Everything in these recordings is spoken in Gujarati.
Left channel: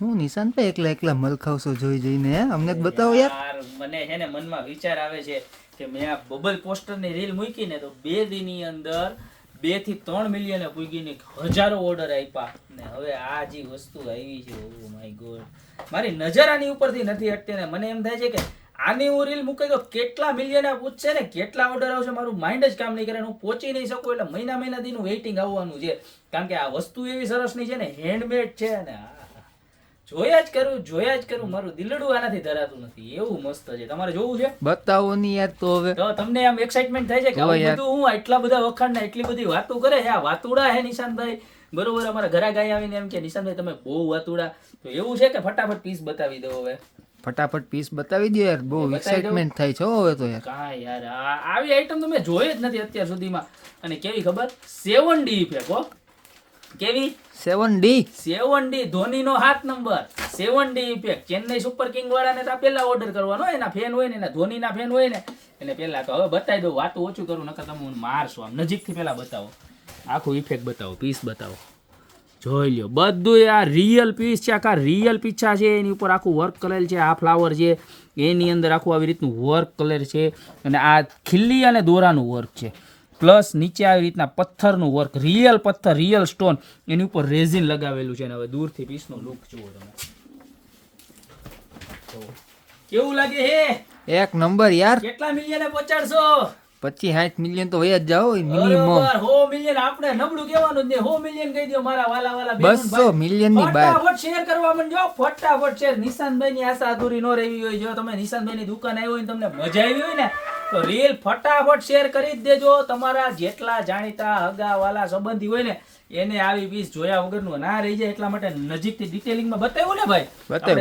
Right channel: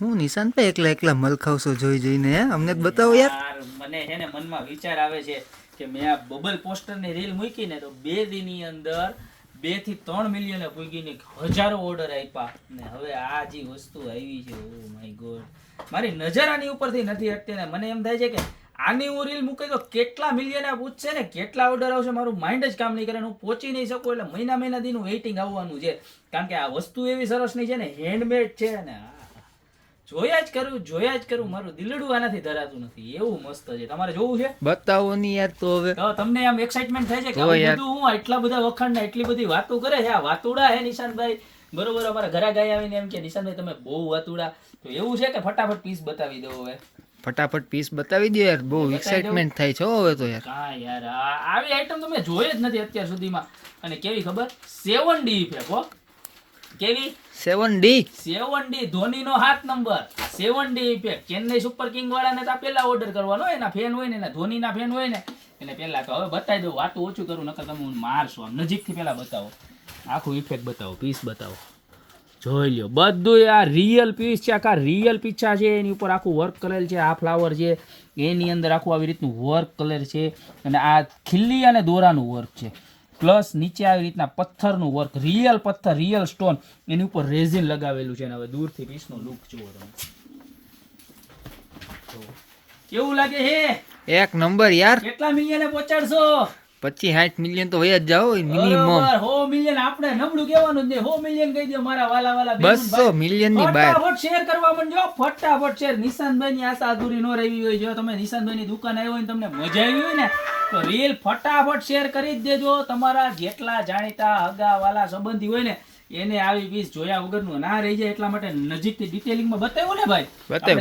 હું નિશાન પે એકલા એકલા મલખાવશો જોઈ જોઈને અમને બતાવો યાર. મને છે ને મનમાં વિચાર આવે છે કે મેં આ બબલ પોસ્ટરની રીલ મૂકી ને તો બે દિનની અંદર બેથી ત્રણ મિલિયન પૂગીને હજારો ઓર્ડર આપ્યા. ને હવે આ જે વસ્તુ આવી છે ઓ માય ગોડ મારી નજર આની ઉપરથી નથી હટતી ને મને એમ થાય છે કે આની હું રીલ મૂકી તો કેટલા મિલિયન પૂછશે ને? કેટલા ઓર્ડર આવશે? મારું માઇન્ડ જ કામ નહીં કરે હું પહોંચી નહીં શકું, એટલે મહિના મહિના દીનું વેઇટિંગ આવવાનું છે. કારણ કે આ વસ્તુ એવી સરસની છે ને હેન્ડમેડ છે ને. આ જોયા જ કરું જોયા જ કરું. મારું દિલડું આનાથી ધરાતું નથી. એવું મસ્ત છે. તમારે જોવું છે? બતાવો નહીં યાર તો હવે. તો તમને આમ એક્સાઇટમેન્ટ થાય છે કે. બધું હું એટલા બધા વખાણ ને એટલી બધી વાતો કરે છે? આ વાતુડા હે નિશાંતભાઈ બરોબર અમારા ઘરે ગાય આવીને એમ કે નિશાંતભાઈ તમે બહુ વાતુડા. તો એવું છે કે ફટાફટ પીસ બતાવી દો હવે? ફટાફટ પીસ બતાવી દો યાર. બહુ એક્સાઇટમેન્ટ થાય છે હવે તો યાર. કાંઈ યાર. આવી આઈટમ તો મેં જોઈ જ નથી અત્યાર સુધીમાં. અને કેવી ખબર? સેવન ડી ઇફેક્ટ હો. કેવી? સેવન ડી સેવન ડી ધોનીનો હાથ number seven D effect Chennai super king વાળાને તો પેલા ઓર્ડર કરવાનો હોય એના ફેન હોય ને એના ધોનીના ફેન હોય ને એને પહેલા તો હવે બતાવી દઉં. વાતું ઓછું કરું નકર તમે મારશો નજીક નજીકથી પેલા બતાવો. આખું ઇફેક્ટ બતાવો પીસ બતાવો. જોઈ લ્યો બધું આ રિયલ પીસ છે આખા રિયલ પીછા છે એની ઉપર આખું વર્ક કરેલ છે આ ફ્લાવર છે એની અંદર આખું આવી રીતનું વર્ક કલર છે અને આ ખીલ્લી અને દોરાનું વર્ક છે. પ્લસ નીચે આવી રીતના પથ્થરનું વર્ક રિયલ પથ્થર રિયલ સ્ટોન એની ઉપર રેઝિન લગાવેલું છે. અને હવે દૂરથી પીસનો લુક જુઓ તમે. કેવું લાગે હે? એક નંબર યાર. કેટલા મિલિયને પહોંચાડશો? પચીસ સાઠ મિલિયન તો હોય જ જાઓ મિનિમમ હો મિલિયન આપણે નબળું કહેવાનું જ નહીં. હો મિલિયન કહી દો મારા વાલા વાલા બસો મિલિયનની બહાર ફટાફટ શેર કરવા માંડજો ફટાફટ શેર નિશાનભાઈ ની આશા અધૂરી ન રહી હોય. જો તમે નિશાનભાઈ ની દુકાન આવી હોય ને તમને મજા આવી હોય ને તો રીલ ફટાફટ શેર કરી જ દેજો. તમારા જેટલા જાણીતા હગા વાલા સંબંધી હોય ને એને આવી પીસ જોયા વગરનું ના રહી જાય એટલા માટે નજીકથી ડિટેલિંગમાં બતાવ્યું ને ભાઈ.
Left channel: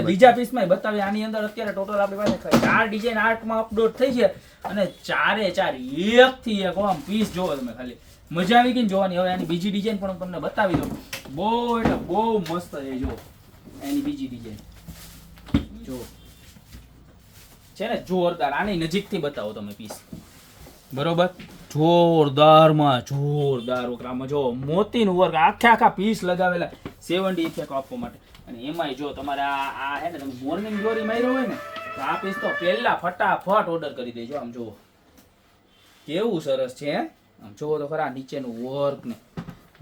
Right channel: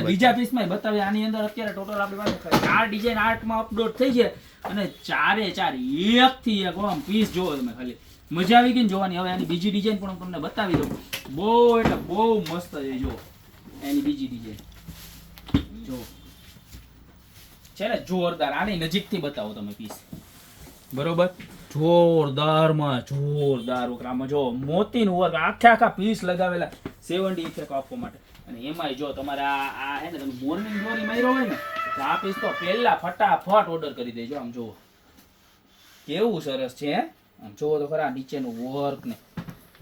બીજા પીસ પીસમાં બતાવ્યું. આની અંદર અત્યારે ટોટલ આપણી પાસે ચાર ડિઝાઇન આર્ટમાં અપલોડ થઈ છે. અને ચારે ચાર એક થી એક, આમ પીસ જોવો તમે ખાલી. મજા આવી ગઈ જોવાની. હવે એની બીજી ડિઝાઇન પણ હું તમને બતાવી દઉં. બહુ એટલે બહુ મસ્ત છે જો એની બીજી ડિઝાઇન જો છે ને? જોરદાર. આની નજીકથી બતાવો તમે પીસ બરોબર? જોરદારમાં જોરદાર ઉકરામાં. જો મોતીનું વર્ક. આખે આખા પીસ લગાવેલા. સેવન ઇફેક્ટ આપવા માટે. અને એમાંય જો તમારે આ હે ને, તમે મોર્નિંગ ગ્લોરી માર્યો હોય ને, તો આ પીસ તો પહેલા ફટાફટ ઓર્ડર કરી દેજો. આમ જુઓ. કેવું સરસ છે? આમ જુઓ તો ખરા, નીચેનું વર્ક ને.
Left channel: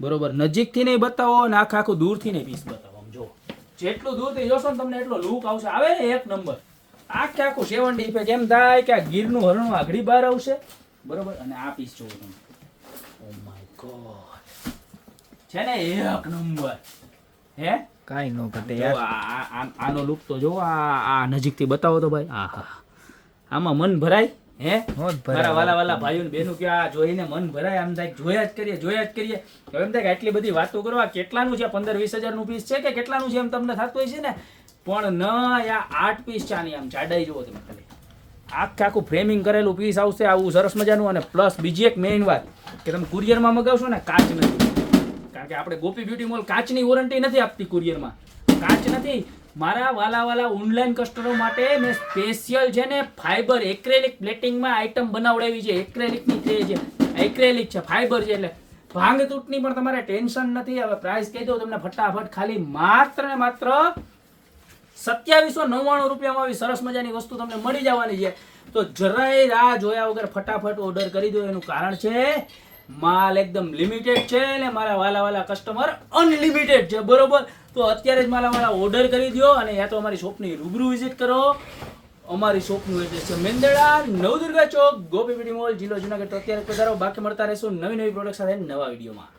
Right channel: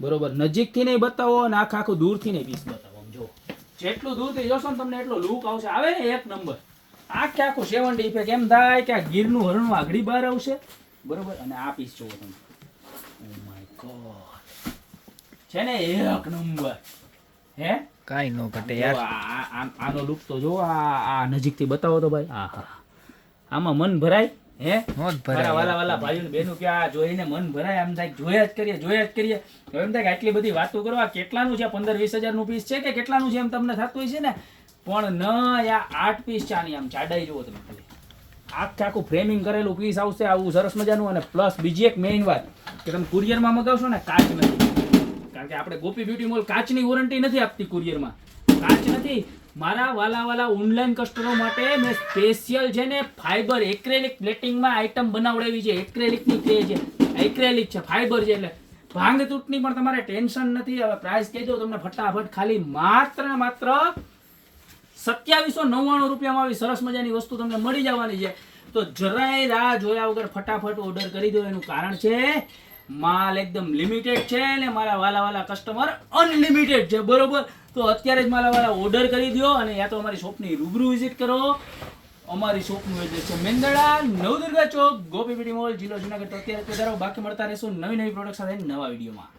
બરોબર. નજીકથી નહીં બતાવો અને આખા આખું દૂરથી નહીં પીસ બતાવો. આમ જુઓ. જેટલું દૂરથી જોશો ને તમને એટલો લુક આવશે. આવે ને એક નંબર આખે આખું સેવન ડી ઇફેક્ટ એમ થાય કે આ ગીરનું હરણું આગળી બહાર આવશે. બરોબર? અને આ પીસ જુઓ તમે. ઓ માય ગોડ છે ને એક નંબર હે? કાંઈ ન ઘટે યાર. આનો લુક તો જો આ આ નજીકથી બતાવો તો ભાઈ. આ હા આમાં મન ભરાય હે? મન ભરાય વાલા વાલા ભાઈઓ ને બહેનો કે આ જોઈને મન ભરાય આમ થાય જોયા જ કરીએ જોયા જ કરીએ. તો એમ થાય કે આટલી બધી વાતો કરવા કેટલાનું છે? પંદર વીસ હજારનું પીસ છે કે કેટલાનું છે એમ તમને થતું હોય છે ને? પણ ન આ આઠ પીસ આની આમ જાડાઈ જુઓ તમે ખાલી. આખે આખું ફ્રેમિંગ કરેલું પીસ આવશે આવું સરસ મજાનું અને પ્લસ બીજી એક મેઇન વાત કે તમે કુરિયરમાં મગાવશો ને કાચ નથી. કારણ કે આપણે ગોપી બ્યુટી મોલ કાચની વોરંટી નથી આપતી કુરિયરમાં કાચ નથી. મારા વાલા વાલા ઓનલાઈન કસ્ટમરો માટે મેં સ્પેશિયલ છે ને ફાઈબર એક્રેલિક પ્લેટિંગમાં આઈટમ બનાવડાવી છે. એક્રેલિકની ટ્રે છે. એક્રેલિક છે ફાઈબર છે એટલે. ભાંગ તૂટની પણ તમારે ટેન્શન નથી. હવે પ્રાઇસ કહી દો તમને ફટાફટ. ખાલી માત્ર ને માત્ર સત્યાવીસો નવ્વાણું રૂપિયામાં આવી સરસ મજાની વસ્તુ તમને મળી જવાની છે. તો જરાય રાહ જોયા વગર ફટાફટ ઓર્ડર કરી દો. એનું કારણ છે માલ એકદમ લિમિટેડ છે ને મારા વાલા વાલા કસ્ટમર અનલિમિટેડ છે, બરોબર? તો અત્યારે જ મારા વાલા ઓર્ડર કરી દો અને યા તો અમારી શોપની રૂબરૂ વિઝિટ કરો. અમારી શોપનું એડ્રેસ છે મેંદડા, નવદુર્ગા ચોક ગોપીપીડી મોલ જિલ્લો જુનાગઢ. અત્યારે પધારો બાકી મળતા રહેશું નવી નવી પ્રોડક્ટ સાથે નવા વિડીયોમાં.